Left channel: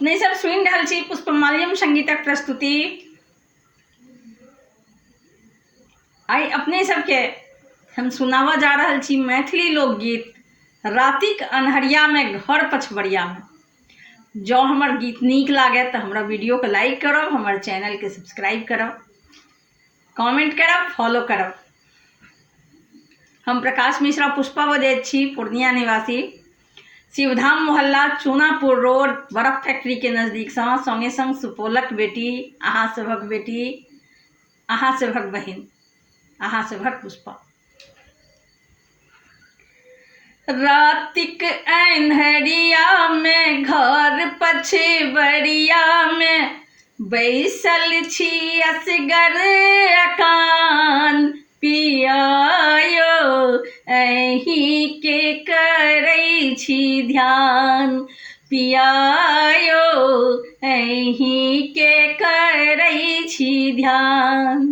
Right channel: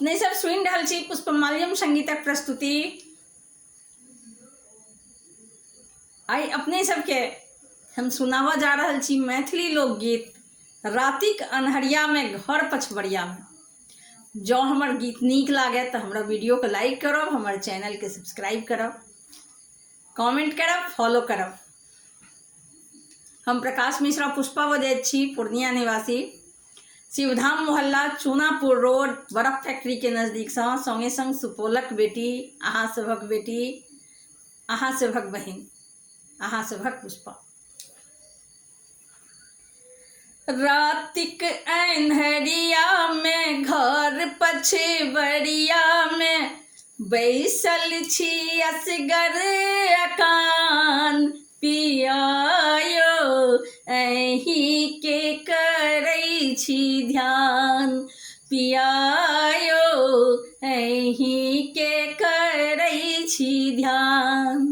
अपने सब सुनि रहल छी पुष्पमाल्यम संगीतक प्रस्तुति। आई अपने सबके हम सुनावा जा रहल छी मैथिली लोकगीत रातिक अन्हरिया में घर पछबरिया में। जो हमर गीत नीक लागे तो हमरा वीडियो के लाइक करब, हमर चैनल के सब्सक्राइब करब, कमेंट करब, फॉलो करब। हम प्रकाश मिश्रा पुष्पा बजैत छी, पूर्णिया निवासी, शिवधाम मोहल्ला, चूनापुर रोड, बर्फ फैक्ट्री के नजदीक संगे संग सुपौलक बेटी, अहाँ सभक बेटी, अहाँ सभक बहिन, अहाँ सभक पुष्पा। रातिक अन्हरिया में घर पछबरिया में बैसल छी असगर अकान, पियायो अहीं के करै छी ध्यान, पियायो अहीं के करै छी ध्यान।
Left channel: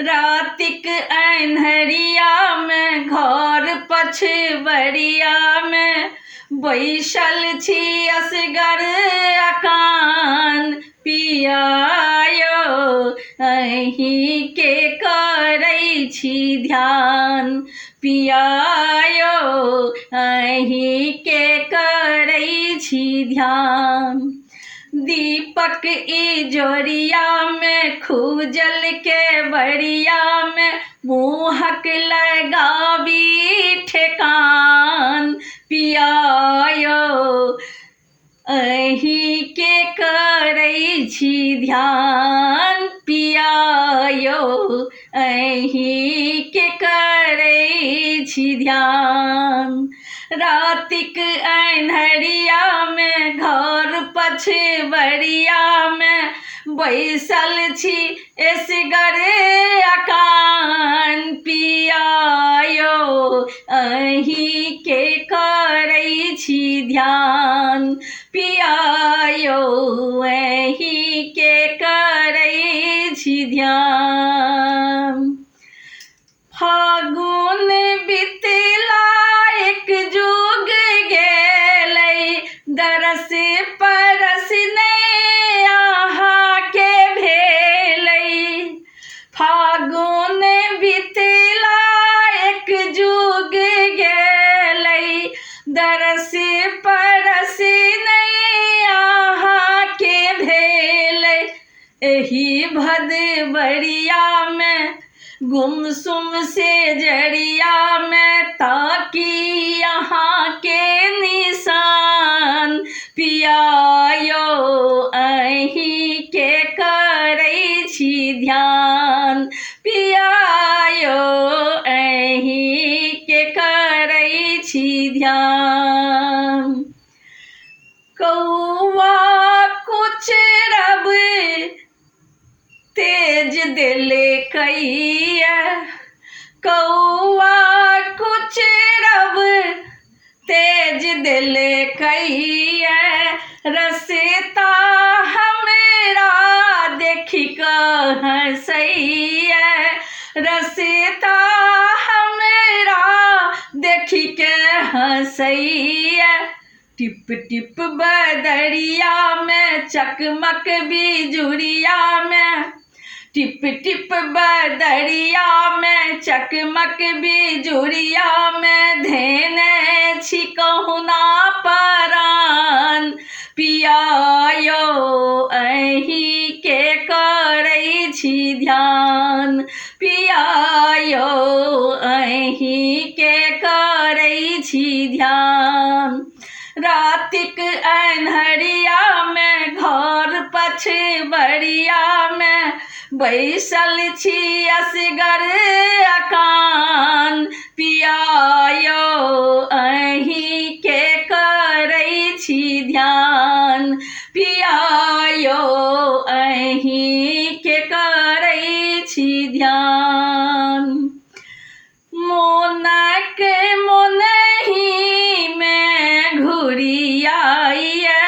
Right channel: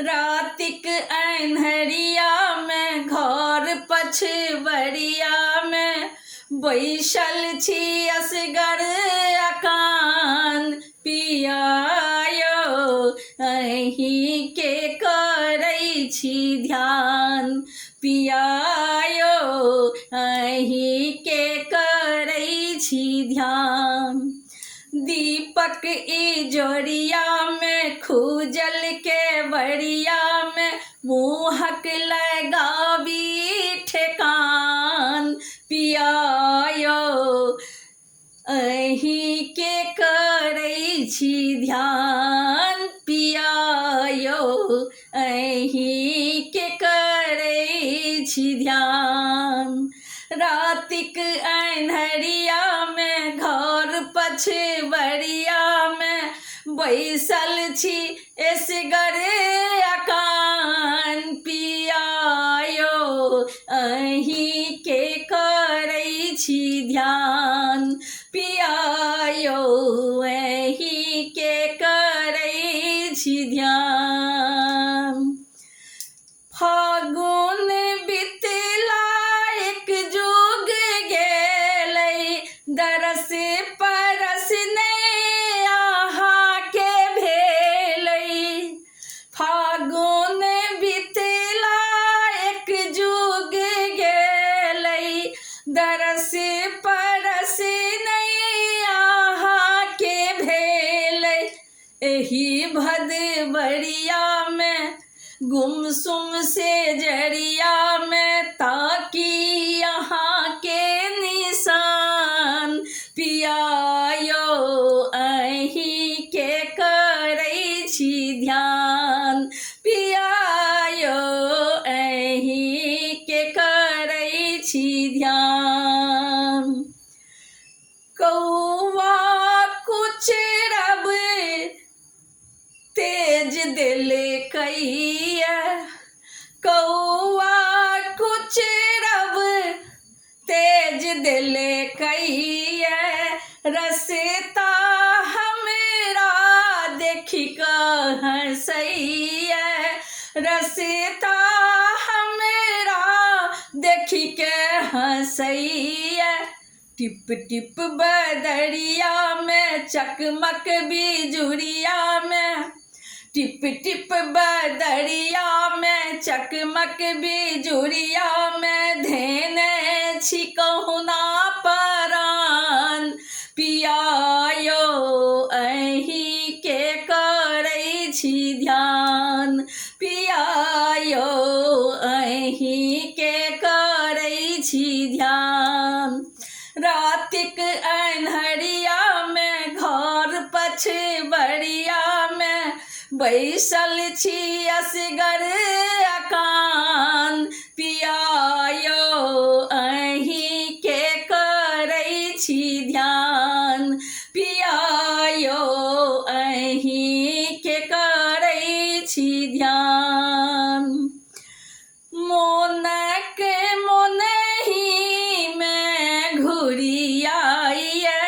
रातिक अन्हरिया में घर पछबरिया में बैसल छी असगर अकान, पियायो अहीं के करै छी ध्यान, पियायो अहीं के करै छी ध्यान। दीपक इजोरिया में खूजल के बरिया में मुहक लगाबी ठेकान, पियायो अहीं के करै छी ध्यान, पियायो अहीं के करै छी ध्यान। रातिक अन्हरिया में घर पछबरिया में बैसल छी असगर अकान, पियायो अहीं के करै छी ध्यान, पियायो अहीं के करै छी ध्यान। फागुन बितला एक जुग गेलै, दरस परस नै अहाँ के भेलै। फागुन बितला एक जुग गेलै, दरस परस नै अहाँ के भेलै। एही भदबरिया में गुमसुम से जरिया में ताकि यहाँ के निशान, पियायो अहीं के करै छी ध्यान, पियायो अहीं के करै छी ध्यान। कौआ कुचरब तेज देले कैया, कौआ कुचरब तेज देले कैया, रसता हमरा देखि कऽ हँसैया, रसता हमरा देखि के हँसैया। टिप टिप बदरिया में चकमक बिजुरिया में, टिप टिप बदरिया में चकमक बिजुरिया में धेने छी कहुना परान, पियायो अहीं के करै छी ध्यान, पियायो अहीं के करै छी ध्यान। रातिक अन्हरिया में घर पछबरिया में बैसल छी असगर अकान, पियायो अहीं के करै छी ध्यान, पियायो अहीं के करै छी ध्यान। मोनक मोनही में घुरियाइया,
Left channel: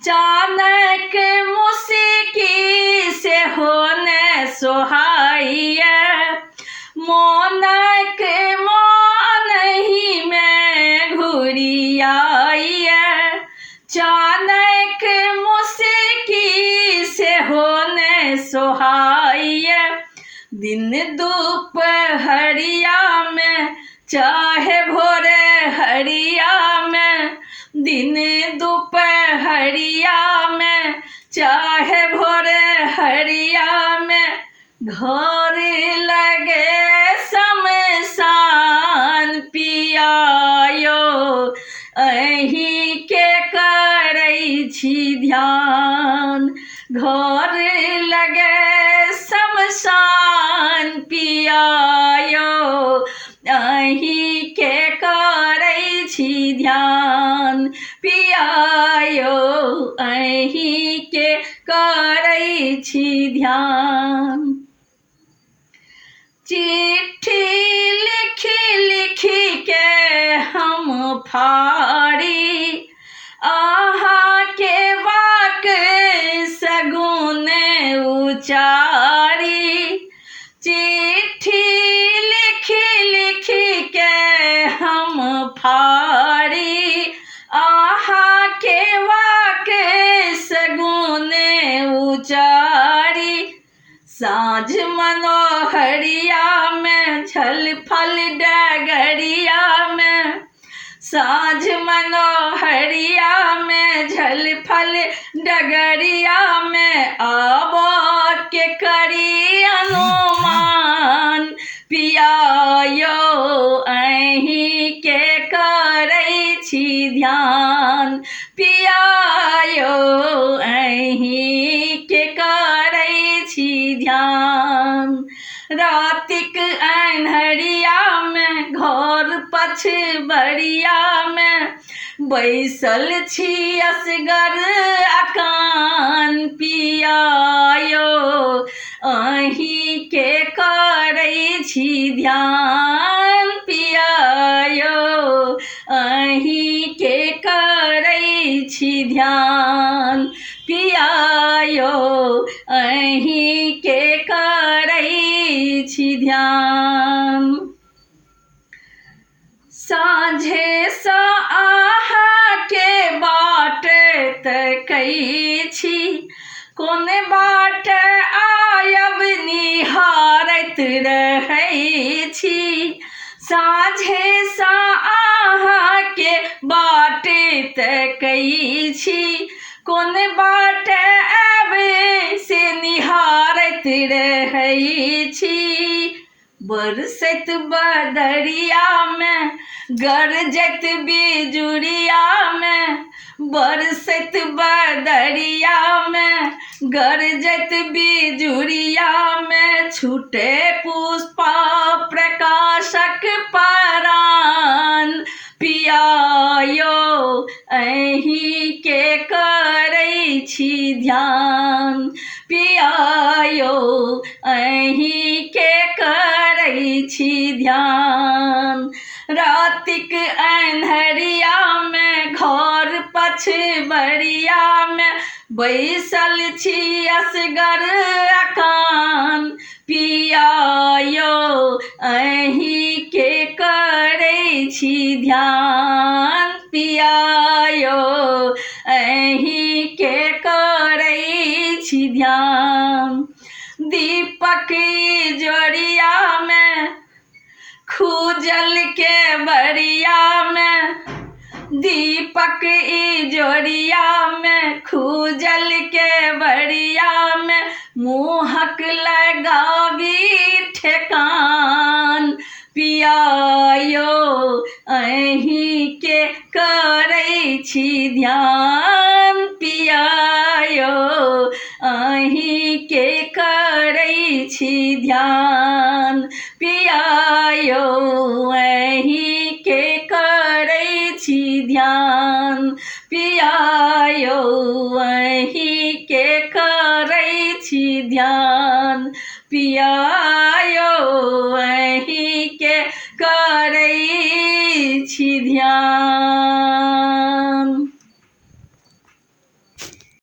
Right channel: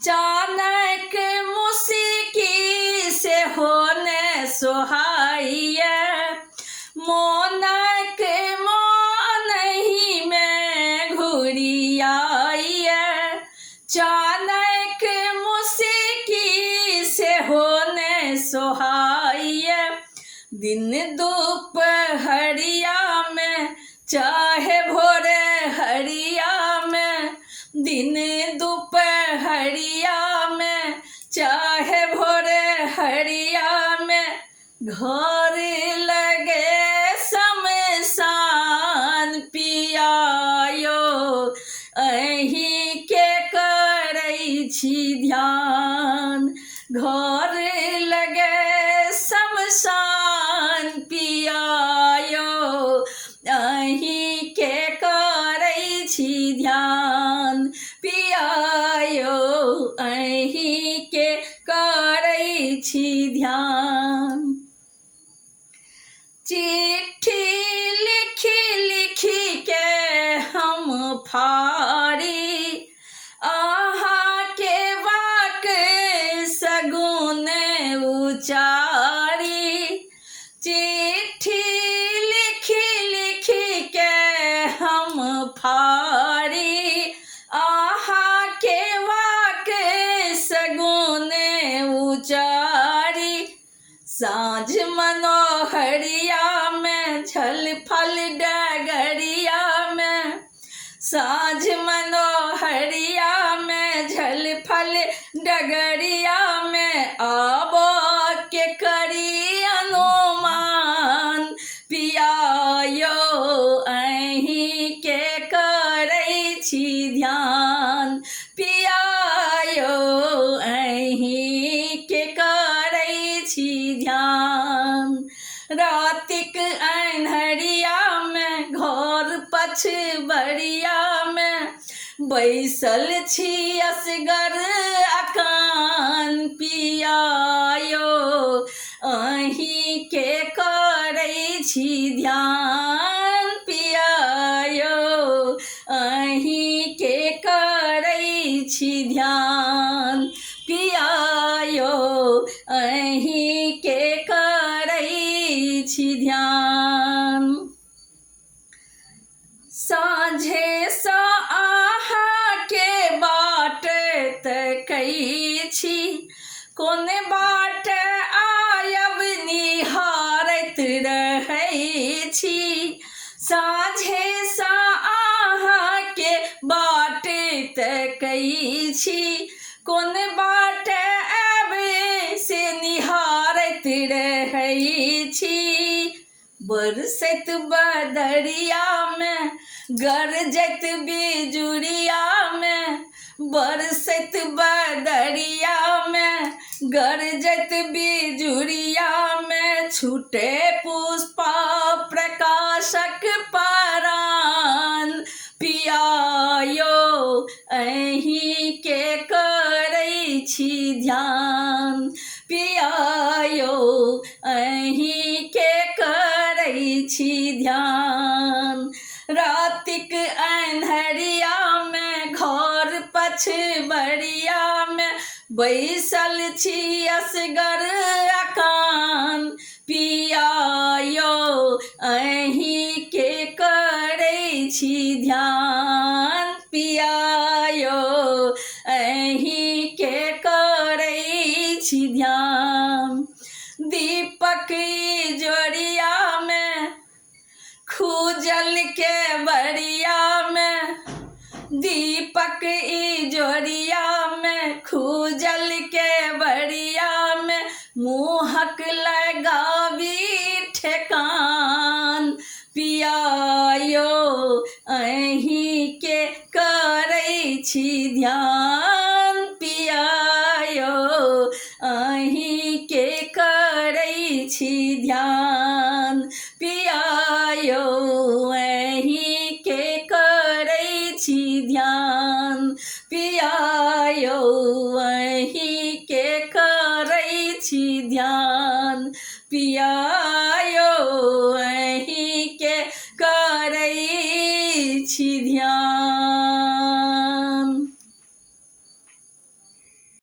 चानक मुस्की से होने सोहाइया, मोनक मोनही चाहे भोरे हरिया में, दिन दोपहरिया में, चाहे भोरे हरिया में, घर लगे शमशान पियायो, अहीं के करै छी ध्यान। घर लगे शमशान पियायो, अहीं के करै छी ध्यान पियायो, अहीं के करै छी ध्यान। चिट्ठी लिखी लिखी के हम फाड़ी, आहा के वाक सगुन उचारी। चिट्ठी लिखी लिखी के हम फाड़ी, आहा के वाक सगुन उचारी। साँझ मनोहरिया में, झल फल डगरिया में, साँझ मनोहरिया में, झल फल डगरिया में, आबो के करी अनुमान पियायो, अहीं के करै छी ध्यान पियायो, अहीं के करै छी ध्यान। रातिक अन्हरिया में, घर पछबरिया में, बैसल छी असगर अकान पियायो, अहीं के करै छी ध्यान पियायो, अहीं के करै छी ध्यान पियायो, अहीं के करै छी ध्यान। साँझे सा आहा के बाट तकै छी, कोन बाट आयब निहारैत रहै छी। साँझे सा आहा के बाट तकै छी, कोन बाट आबे से निहारैत रहै छी। बरसैत बदरिया में, गरजैत बिजुरिया में, बरसैत बदरिया में, गरजैत बिजुरिया में, छूटे पुष्पा प्रकाशक परान पियायो, अहीं के करै छी ध्यान पियायो, अहीं के करै छी ध्यान। रातिक अन्हरिया में, घर पछबरिया में, बैसल छी असगर अकान पियायो, अहीं के करै छी ध्यान पियायो, अहीं के करै छी ध्यान। दीपक जोड़िया में, खूजल के बरिया में, दीपक जोड़िया में, खूजल के बरिया में, मुहक लगावी ठेकान पियायो, अहीं के करै छी ध्यान पियायो, अहीं के करै छी ध्यान पियायो, अहीं के करै छी ध्यान पियायो, अहीं के करै छी ध्यान पिया।